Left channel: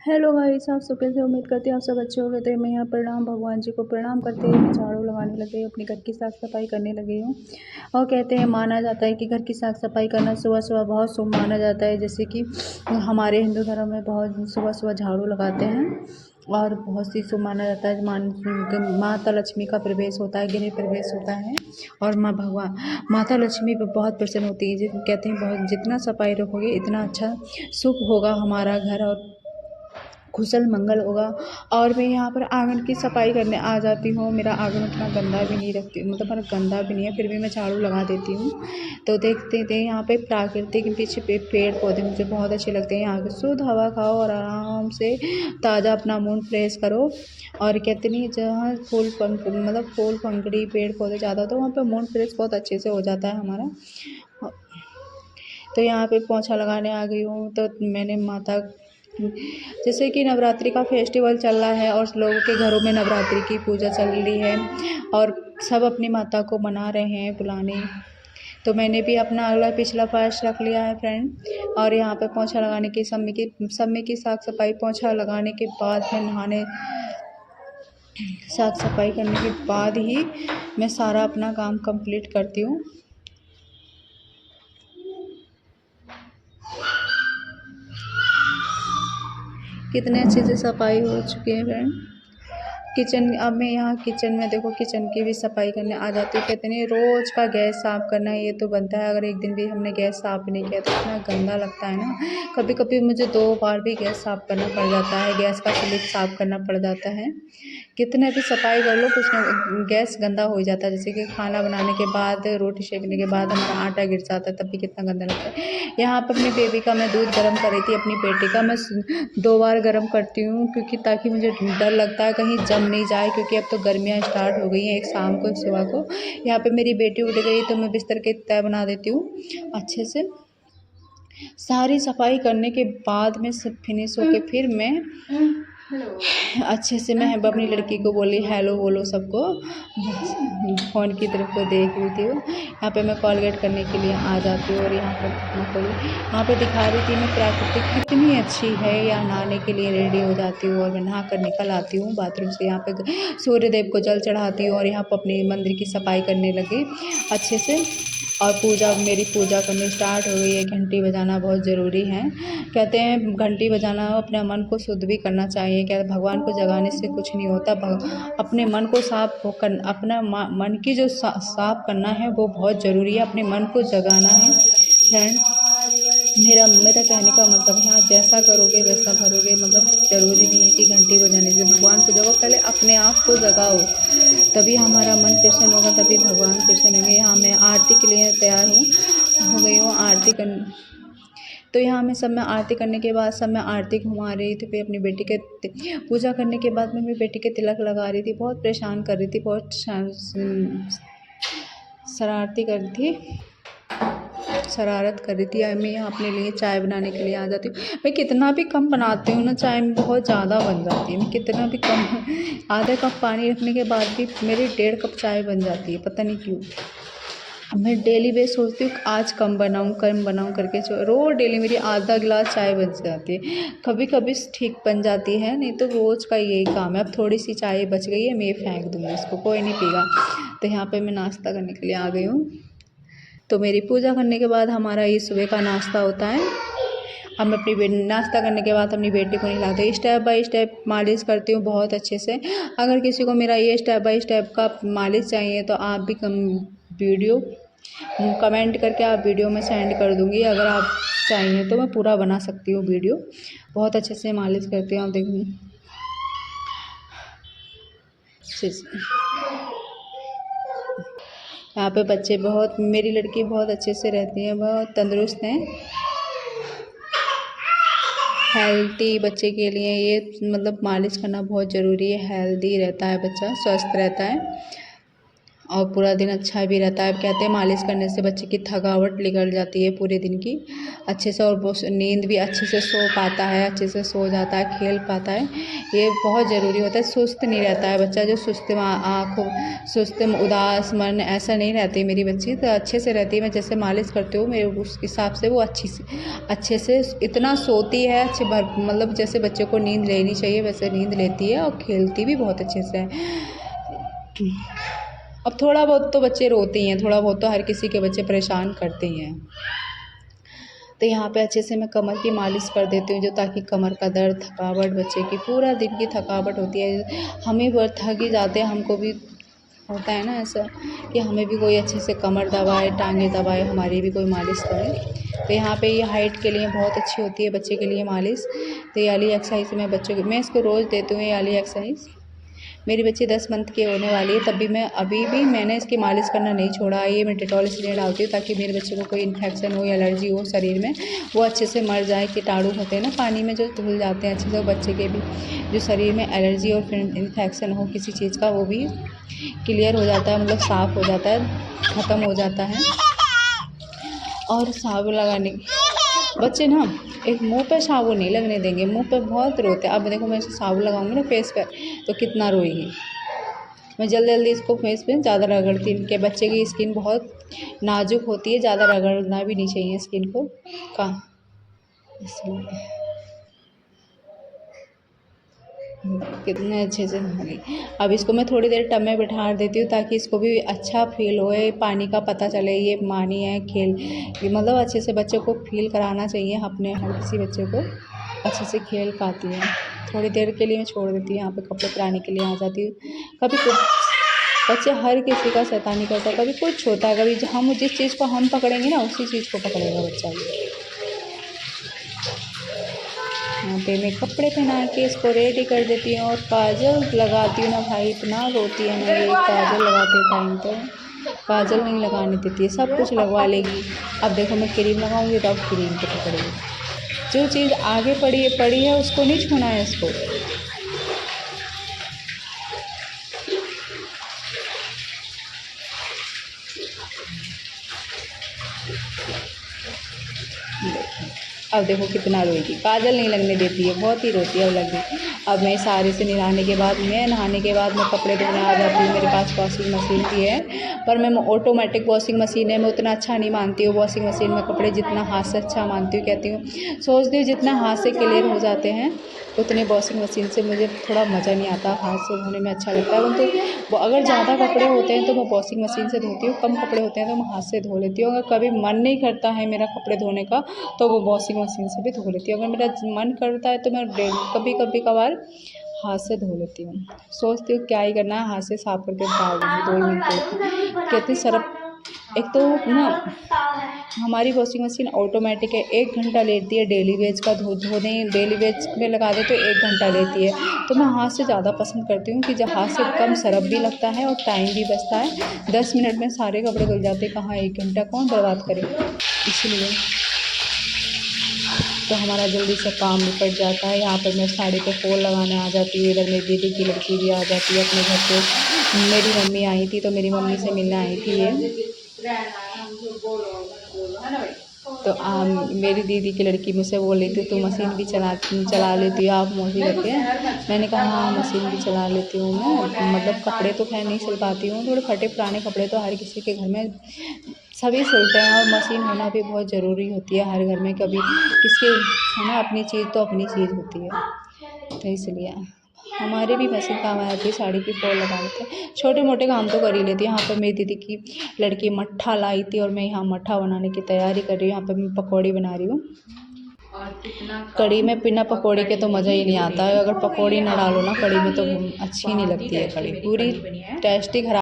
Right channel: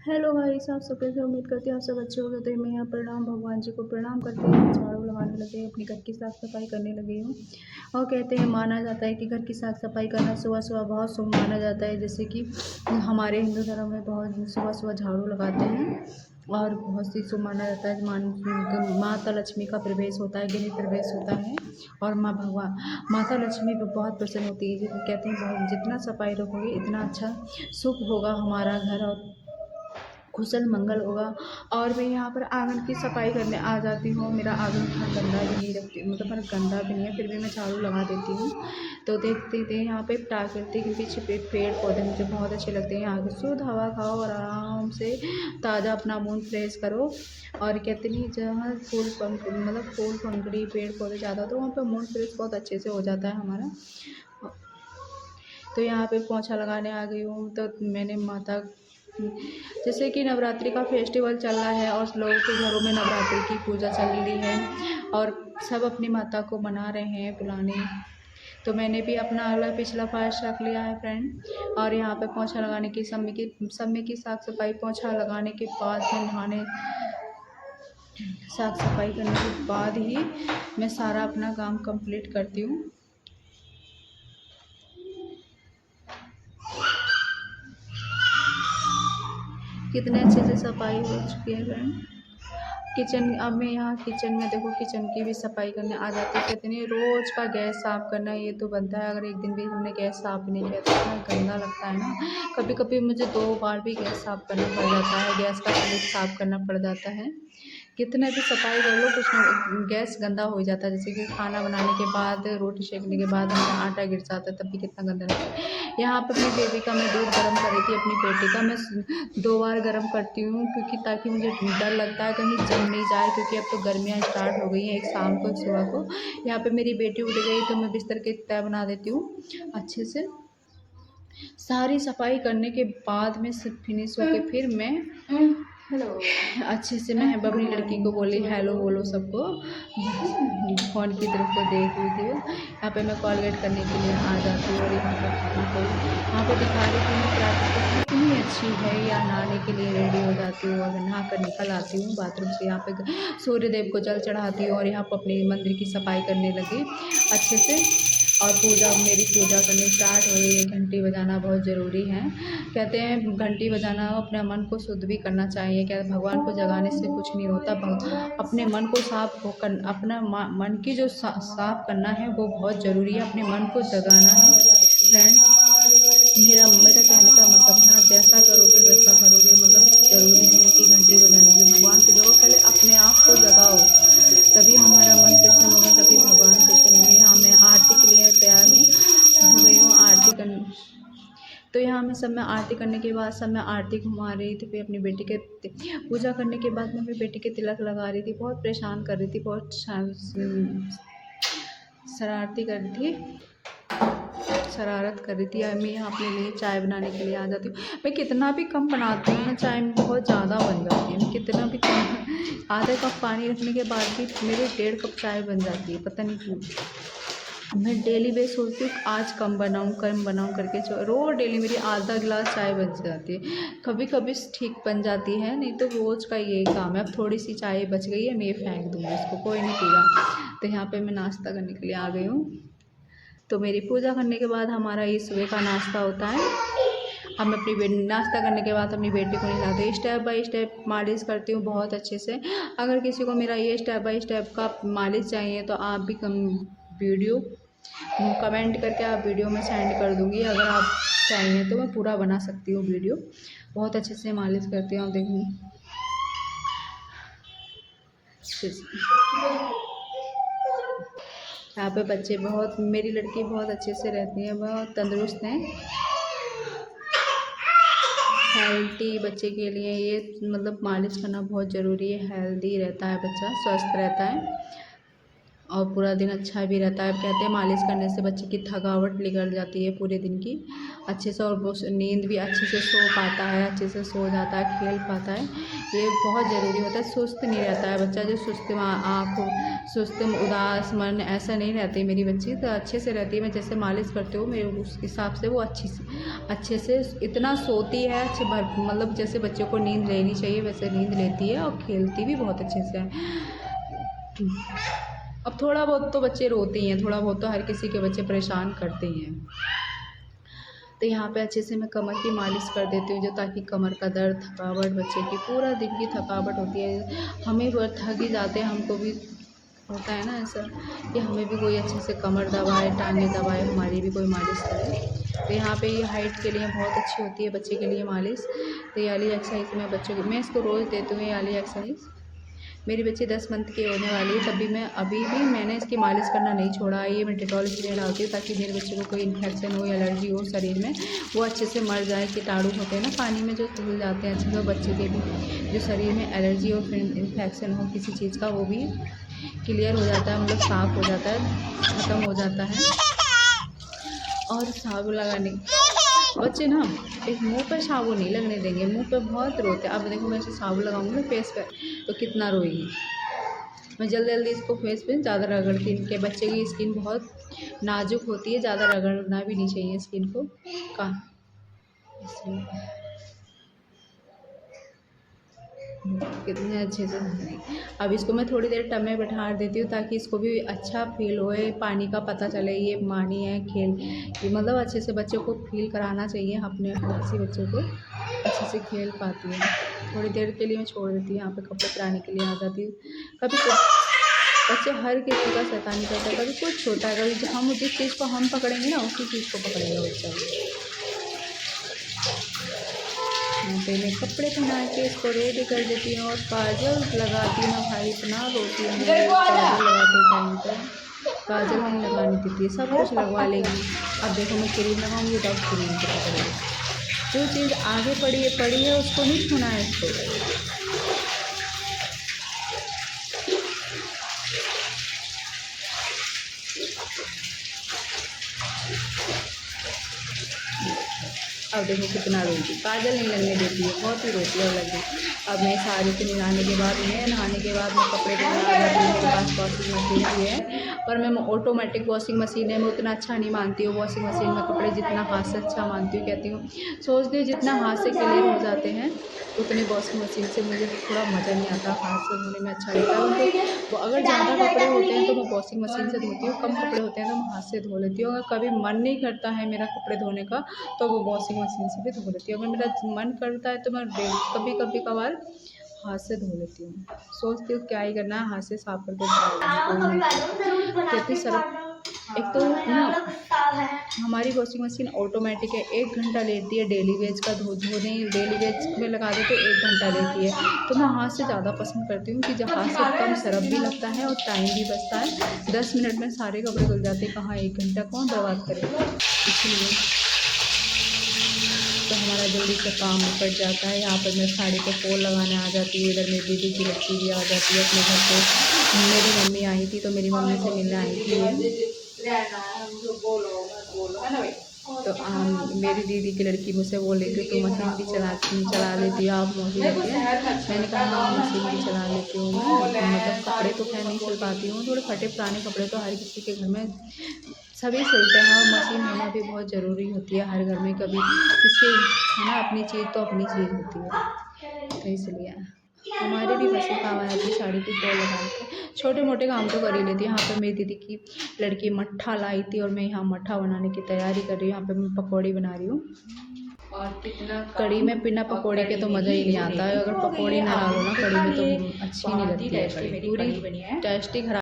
Hello guys, आप सब कैसे? उम्मीद करती हूँ आप सब अच्छे हो गए। तो मैं यहाँ प्रणाम भगवान जी को प्रणाम करते हुए झाड़ू लगाने लगे, अपने घर की साफ़ सफाई करने लगी हूँ। और कहते हैं, माना जाता है कि घर की साफ़ सफाई करना सुबह सुबह बहुत शुभ माना जाता है। जैसे कि हमारे हिंदू धर्म में बहुत सुबह सुबह झाड़ू लगाते हैं और बहुत सी शुभ माना जाता है। माता लक्ष्मी का प्रवेश होता है, गृह प्रवेश होता है और माता लक्ष्मी पर बहुत प्रसन्न होती है। कहते हैं बहुत जितना सफाई रखोगे इतना अच्छा शुभ होगा हमारा घर और कुशल मंगल होगा। और मैं यहाँ पर आंगन की सफाई करने आ जाती हूँ। मेरा आंगन उतना गंदा भी नहीं रखती, मतलब मेरा गंदा भी नहीं है, फिर भी मैं झाड़ू लगा देती हूँ। तो देखते थे यहाँ पे प्राकृतिक पीछे पेड़ पौधे मुझे बहुत अच्छे लगते हैं। यहाँ की शुद्ध हवा खाओ और आराम से ताज़ा अपना मूड फ्रेश करो। और कहते नहीं, जहाँ फूल पंखड़ी पेड़ पौधे ज़्यादा तो वहाँ पे मूड फ्रेश बहुत अच्छे से हो जाता है हमारा। तो यहाँ पे पोंछा लगाने आ गई हूँ। तो मैंने माता, जैसे कि नवरात्रि का फेस्टिवल चल रहा है और लोगों के घरों में नवरात्रि की पूजा चल रही है और सब अपनी माता को मना रहे हैं बुलाने। तो मैंने भी अपना अगला पिछला फास्ट रख लिया है फ्रेंड। और यहाँ पे पोंछा लगाने की सब में की साफ सफाई, पोंछा लगाने के बाद मैं नहाने, साफ सफाई करने के बाद ही मैं सारा अपना काम कंप्लीट करती हूँ। कितने अच्छे से सफाई हो चुकी है फ्रेंड। किचन, अब मैं यहाँ किचन में देखो, किचन की भी सफाई करने आ जाती हूँ। कहते नहीं, रोज़ का गैस साफ़ करना ये तो बनता है। अगर एक दिन भी हमने गैस साफ़ नहीं किया तो इतना गंदा लगता है ना। कभी कभी मुझे 2 बार भी गैस साफ़ करना पड़ जाता है, गैस का स्लिप साफ़ करना पड़ जाता है। कितने भी सफाई कर लो, कुछ ना गैस गंदा हो जाता है। जैसे कि खाना बनाने के बाद, रोटी सेकने के बाद हमारा आटा गिर जाता है, तब भी कितना गंदा लगता है। यहाँ पर अपनी बेबी का मैं दूध गर्म कर रही थी, अपनी बेटी का मैं 2 बार गर्म करती हूँ, क्योंकि ताकि मुझे डर लगता है कहीं जम नहीं जाए, क्योंकि अब तो गर्मियाँ स्टार्ट हो गई हैं, एक शाम को एक सुबह को। यहाँ पे मेरी बेटी उठ गई तो मैं बिस्तर की तह बना देती हूँ अच्छे से। सारी सफाई करने के बाद में सब फिनिश होके फिर मैं अच्छे से मैं अपनी लड़की को बोली हेलो बोलो सबको, फ़ोन की तरफ को देख रही थी वो। यहाँ पे मैं कॉलगेट करने के लिए आ जाती हूँ और यहाँ पे दिखा रही थी मैं प्राकृतिक कितनी अच्छी है। या नहाने के लिए रेडी हो जाती हूँ और मैं नहा कर निकल आती हूँ बाथरूम से। यहाँ पे सूर्य देव को जल चढ़ाती हूँ और यहाँ पर अपने मंदिर की सफाई करने लगी अच्छे से। और मेरी पूजा करनी स्टार्ट हो गई है। घंटी बजाना बहुत ज़रूरी है। कहते हैं घंटी बजाना अपने मन को शुद्ध भी करना चाहिए। क्या भगवान को जगाने से कुछ नहीं होता, अपने मन को अपना मन की जो साफ करना है वो बहुत ज़रूरी है। अपने मन को जगाना है फ्रेंड। मेरा कहने का मतलब, यहाँ जैसा करोगे वैसा भरोगे। मतलब ज़रूरी नहीं है कि घंटी बजाने से भगवान को जगाओ, पहले अपने आप को जगाओ, तभी हमारा मन प्रसन्न होगा, तभी भगवान प्रसन्न होंगे। यहाँ मैं आरती के लिए तैयार हो गई हूँ आरती करने। तो यहाँ मैं आरती करने के बाद सब मैं आरती घुमा रही थी। फिर अपनी बेटी के पूजा करने के बाद मैं अपनी बेटी के तिलक लगा रही थी। बहुत परेशान कर रही थी, बहुत शरारती कर रही थी, शरारत कर रही थी। मैं यहाँ अपने लिए चाय बनाने के लिए आ जाती हूँ। मैं कितना भी कम बनाती हूँ ना चाय, में बहुत ज़्यादा बन जाती है। मैं कितना भी कम, आधा कप पानी रखने के बाद भी मेरी 1.5 कप चाय बन जाती है, पता नहीं क्यों। मैं डेली बेस सोचती हूँ आज कम बनाऊँ करके, रोज़ डेली मेरी आधा गिलास चाय बन जाती है। कभी कभी ठीक बन जाती है, नहीं तो रोज़ का यही काम है। अब थोड़ी सी चाय बच गई है, मैं फेंक दूँगी इसको, कोई नहीं पीगा। तो यहाँ पे मैं नाश्ता करने के लिए आ गई हूँ। तो मेरी पूजा करने के बाद हमारा ये सुबह का नाश्ता होता है। अब मैं नाश्ता करने के बाद अपनी बेटी को नहलाती हूँ। स्टेप बाय स्टेप मालिश करती हूँ बहुत अच्छे से। अगर किसी को मेरा ये स्टेप बाय स्टेप का मालिश चाहिए तो आप भी वीडियो कमेंट करके आप वीडियो में सेंड कर दूँगी। अगर आप चाहिए तो मैं पूरा बना सकती हूँ वीडियो। बहुत अच्छे से मालिश करती हूँ, आप देखिए। यहाँ पे बच्चे बहुत, मेरी लड़की बहुत अच्छे से रहती है, बहुत तंदुरुस्त हैं। हेल्दी बच्चे के लिए ये मतलब मालिश करना बहुत ज़रूरी है। हेल्दी रहता है बच्चा, स्वस्थ रहता है और पूरा दिन अच्छा भी रहता है। कहते हैं मालिश करने से बच्चे की थकावट निकल जाती है पूरे दिन की। अच्छे से, और वो नींद भी अच्छे से सो पाता है, अच्छे से सो जाता है, खेल पाता है। ये बहुत ज़रूरी होता है, सुस्त नहीं रहता है बच्चा। जो सुस्त आँख, सुस्त उदास मन ऐसा नहीं रहती मेरी बच्ची, तो अच्छे से रहती है। मैं जैसे मालिश करती हूँ मेरे उस हिसाब से वो अच्छे से इतना सोती है, अच्छे मतलब जैसे बच्चे को नींद लेनी चाहिए वैसे नींद लेती है, और खेलती भी बहुत अच्छे से है। अब थोड़ा बहुत तो बच्चे रोते ही हैं, थोड़ा बहुत तो हर किसी के बच्चे परेशान करते ही हैं। तो यहाँ पे अच्छे से मैं कमर की मालिश कर देती हूँ, जो ताकि कमर का दर्द, थकावट, बच्चे की पूरा दिन की थकावट होती है, हमें बहुत थक ही जाते हैं, हमको भी होता है ना ऐसा कि हमें भी कोई अच्छे से कमर दबाए, टांगें दबाए, हमारी भी कोई मालिश करे। तो यहाँ पे ये हाइट के लिए बहुत अच्छी होती है बच्चे के लिए मालिश। तो ये वाली एक्सरसाइज मैं इसको रोज़ देती हूँ, ये वाली एक्सरसाइज। मेरी बच्ची 10 मंथ की होने वाली है, तब भी अभी भी मैंने इसकी मालिश करना नहीं छोड़ा। ये मैं डेटॉल इसलिए डालती हूँ ताकि मेरे बच्चे को कोई इन्फेक्शन हो या एलर्जी हो शरीर में, वो अच्छे से मर जाए। कीटाणु होते हैं ना पानी में जो धुल जाते हैं अच्छे से, बच्चे के भी जो शरीर में एलर्जी और इन्फेक्शन हो किसी चीज़ का, वो भी क्लियर हो जाता है, मतलब साफ़ हो जाता है, ख़त्म हो जाता है। और साबुन लगाने, बच्चे ना एक मुंह पे साबुन नहीं लगने देंगे, मुंह पे बहुत रोते हैं। अब देखो मैं इसे साबुन लगाऊंगी ना फेस पे तो कितना रोएगी। मैं जल्दी जल्दी इसको फेस पे ज़्यादा रगड़ती हूँ, कि बच्चे की स्किन बहुत नाजुक होती है, ज़्यादा रगड़ना भी नहीं चाहिए स्किन को का, इसलिए कितने अच्छे से नहाएगी। अब इसको मैं थोड़ी देर टब में बिठा देती हूँ ताकि इसको भी अच्छा फील होए, पानी का पता चले ये मानी है खेल, मतलब अच्छे से बच्चे को फील कराना चाहिए अपने, हर किसी बच्चे को अच्छे से खेल पाती है। थोड़ी देर के लिए मैं छोड़ देती हूँ, यहाँ पे कपड़े कराने के लिए आ जाती हूँ। कभी कुछ बच्चे हर किसी का शैतानी करता है, कभी कुछ होता है, कभी हम जिस चीज़ को हम पकड़ेंगे ना उसी चीज़ को पकड़ेगा बच्चा भी। यहाँ पे मैं कपड़े पहना के इसको रेडी कर देती हूँ, और काजल लगाती हूँ ना भाई, इतना रोती है मेरी काजल लगाते टाइम पे, काजल नहीं लगाने देती है, सब कुछ लगवा लेगी। अब देखो मैं क्रीम लगाऊंगी तो अब क्रीम को पकड़ेगी। जो चीज़ आगे पड़ी है उसको नहीं छूना है इसको। अब देखो कितना रोएगी, काजल नहीं लगने देती है, बहुत ही रोती है अब लगी। अब मैं सारे से नहाने के बाद मैं कपड़े धोने आ जाती हूँ। मेरे पास वॉशिंग मशीन भी है, पर मैं ऑटोमेटिक वॉशिंग मशीन है, मैं उतना अच्छा नहीं मानती हूँ वॉशिंग मशीन में कपड़े, जितना हाथ से अच्छा मानती हूँ। कहती हूँ, सोचती हूँ जितना हाथ से क्लियर हो जाते हैं उतने वॉशिंग मशीन से मुझे थोड़ा मज़ा नहीं आता, हाथ से धोने में अच्छा लगता है। तो अगर ज़्यादा कपड़े होते हैं तो मैं वॉशिंग मशीन से धोती हूँ, कम कपड़े होते हैं तो मैं हाथ से धो लेती हूँ। अगर कभी मन नहीं करता है मेरा कपड़े धोने का तो वो वॉशिंग मशीन से भी धो लेती हूँ। अगर मेरा मन करता है तो मैं कभी कभार हाथ से धो लेती हूँ। सोचती हूँ क्या ही करना है, हाथ से साफ करके डाल दूँगी 2 मिनट। कहती सरफ, एक तो ना हमारी वॉशिंग मशीन ऑटोमेटिक है, 1 घंटा लेती है डेली वेज का धोने, डेली वेज में लगा दे तो 1 घंटा लेती है। तो मैं हाथ से ज़्यादा पसंद करती हूँ कि जब हाथ से कम सरफ भी लगता है और टाइम भी बचता है। 10 मिनट में सारे कपड़े धुल जाते हैं, कहाँ 1 घंटा कौन बर्बाद करे, इसलिए तो हमारा जल्दी से काम निपट जाता है। यहाँ पर मैं साड़ी पे फॉल लगाने आ जाती हूँ। इधर मेरी दीदी की लड़की भी आ जाती है अपने घर पे। मेरी मम्मी आई थी तो मेरी मम्मी से मिलने आई थी ये। तो मेरी दीदी की लड़की मुझसे बोल रही थी तू मशीन भी चला लेती हो आप मौसी करके। मैंने कहा हाँ मशीन भी चला लेती हूँ मैं, मतलब कपड़े तो खैर नहीं सिल पाती हूँ, थोड़े फटे पुराने कपड़े तो हर किसी के घर में सभी सिलते हैं, और मशीन होना भी बहुत ज़रूरी होती है हर घर में। कभी किसी है ना, अपनी चीज़ तो अपनी चीज़ होती है, तो इसलिए हमारे भी मशीन काम आ जाती है। साड़ी की फॉल लगा लेते हैं, छोटे मोटे काम तो कर ही लेती है। यहाँ पर मेरी दीदी की लड़की मट्ठा लाई थी और मैं यहाँ मट्ठा बनाने की तैयारी कर रही हूँ। यहाँ पर मैं पकौड़ी बना रही हूँ। कढ़ी में बिना पकौड़ी के तो मज़ा ही नहीं आता है, अगर पकौड़ी ना डालो ना कढ़ी में तो अच्छी नहीं लगती है कढ़ी, पूरी टेस्टी खराब